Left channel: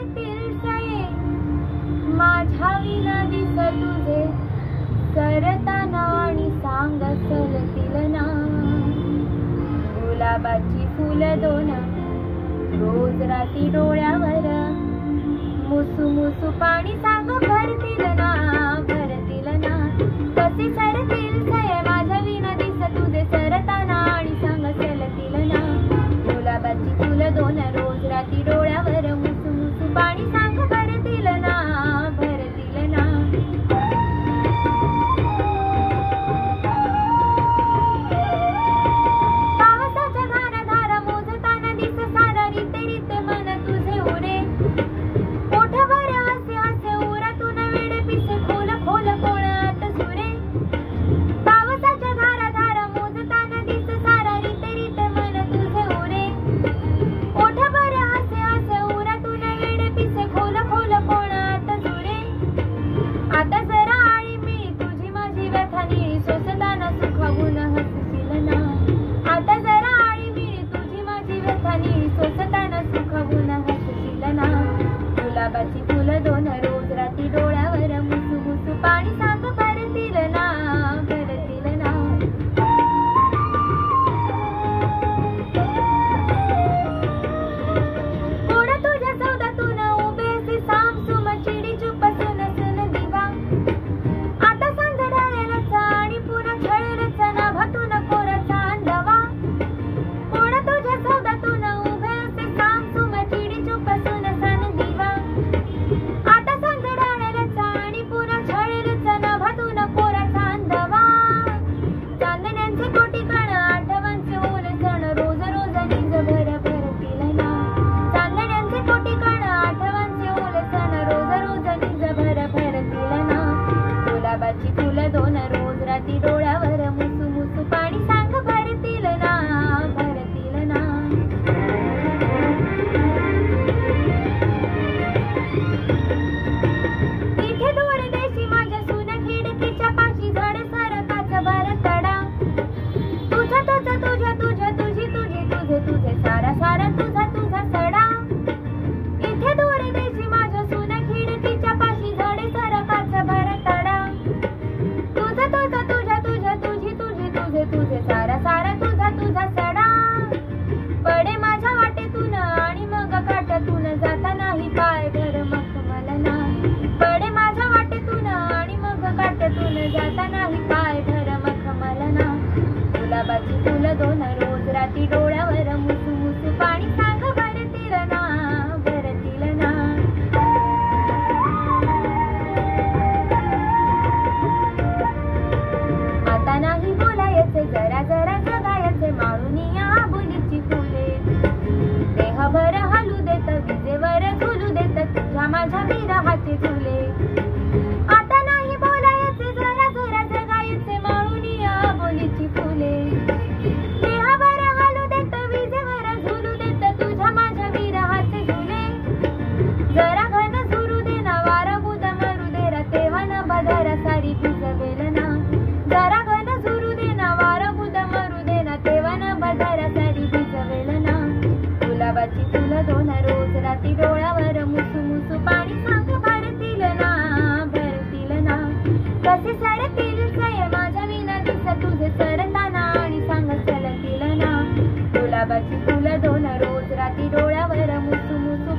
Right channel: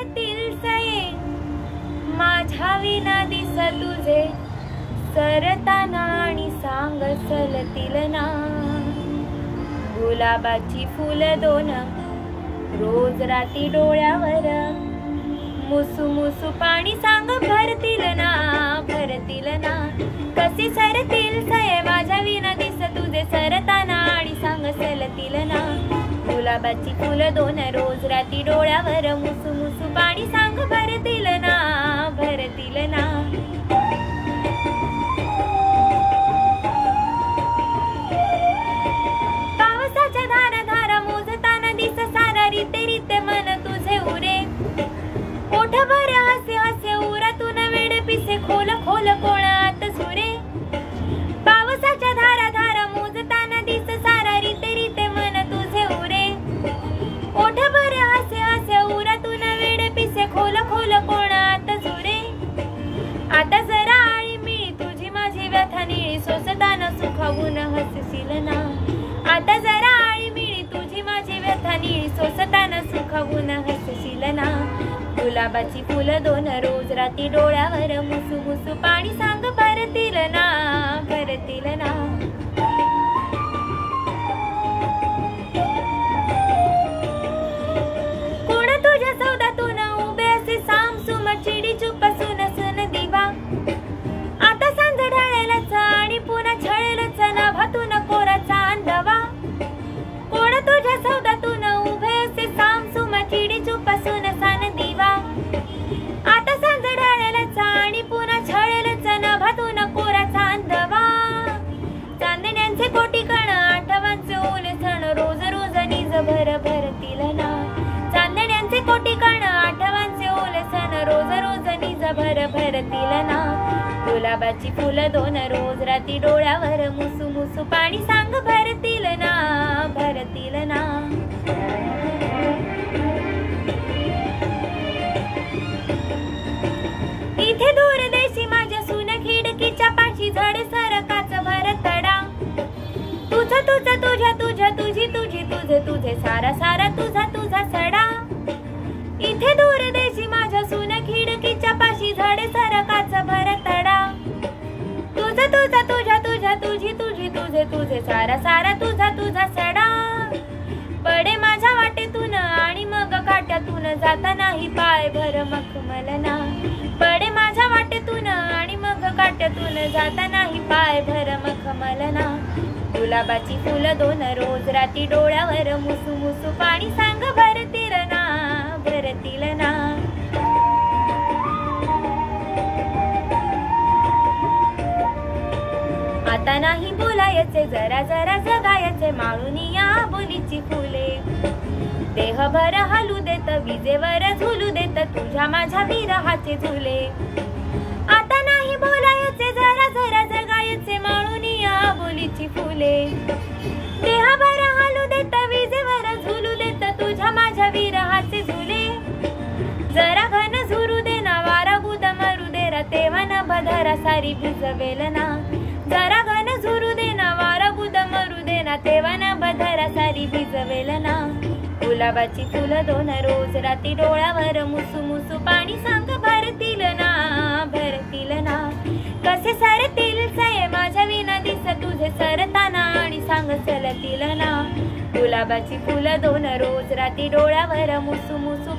सरतील सये माझ्या विना दिस तुझे सरताना आणि सांग सलतील ना गुलाबाची फुलं दोन रोज राती डोळ्यावर मुसू मुसू पाणी सांग भरतील ना कसे सरतील सये माझ्या विना दिस तुझे सरताना आणि सांग सलतील ना गुलाबाची फुलं दोन रोज राती डोळ्यावर मुसू मुसू पाणी सांग भरतील ना पावसाच्या धारा धारा मोजताना दिस सारा रीते रीते मन तुझे उरे ओठ भर हसे हसे उरातून वेड पिसे खोल खोल कोणात सुरे पावसाच्या धारा धारा मोजताना दिस सारा रीते रीते मन तुझे उरे ओठ भर हसे हसे उरातून वेड पिसे खोल खोल कोणात सुरे आता जरा आळी मिळी तुझी माझी व्यथा निळी सोसताना सुखावून हसशील ना आता जरा आळी मिळी तुझी माझी व्यथा निळी सोसताना सुखावून हसशील ना गुलाबाची फुलं दोन रोज राती डोळ्यावर मुसू मुसू पाणी सांग भरतील ना कोण तुझ्या सौदातून उभे असे सामसुम चिडी चुप सुन दिवा आता सांज ढाळेलच आणि पुन्हा छळेलच नाभातून कोराचा अंधवा कोण तुझ्या सौदातून उभे असे सामसुम चिडी चुप सुन दिवा आता सांज ढाळेलच आणि पुन्हा छळेलच नाभातून कोराचा अंधवा चांदण्यांचे कोटी कण आठवांचे ओले सण रोज रोज निज भरतील ना चांदण्यांचे कोटी कण आठवांचे ओले सण रोज रोज निज भरतील ना गुलाबाची फुलं दोन रोज राती डोळ्यावर मुसू मुसू पाणी सांग भरतील ना इथे दूर देशी माझ्या सून खिडकीच्या पाशी झडे सरकाच भरतडा तुझा तुझा तुझ्या तुझ्या तुझी तुझी तुझे तुझे सारा सारा तुझा तुझा सडा इथे दूर देशी माझ्या सून खिडकीच्या पाशी झडे सरकाच भरतडा तुझा तुझा तुझ्या तुझ्या तुझी तुझी तुझे तुझे सारा सारा तुझा तुझा सडा पडे माझ्या वाटेतून आणि मग काट्यातून जाता नाही पाय भर मखमलना पडे माझ्या वाटेतून आणि मग काट्यातून जाता नाही पाय भर मखमलना गुलाबाची फुलं दोन रोज राती डोळ्यावर मुसू मुसू पाणी सांग भरतील ना आता नाही बोलायचे जरा जरा जगायचे माळूनी या बोलीची फुले देहभर हलू देत विजेवर झुलू देत तुझ्या माझ्या विरहाचे झुले आता नाही बोलायचे जरा जरा जगायचे माळूनी या बोलीची फुले देहभर हलू देत विजेवर झुलू देत तुझ्या माझ्या विरहाचे झुले जरा घन झुरू दे ना वारा बुद मरू दे रा तेव्हा न बधारा सारी भिजवेल ना जरा घन झुरू दे ना वारा बुद मरू दे ना तेव्हा न बधारा सारी भिजवेल ना गुलाबाची फुलं दोन रोज राती डोळ्यावर मुसू मुसू पाणी सांग भरतील ना कसे सरतील सये माझ्या विना दिस तुझे सरताना आणि सांग सलतील ना गुलाबाची फुलं दोन रोज राती डोळ्यावर मुसू मुसू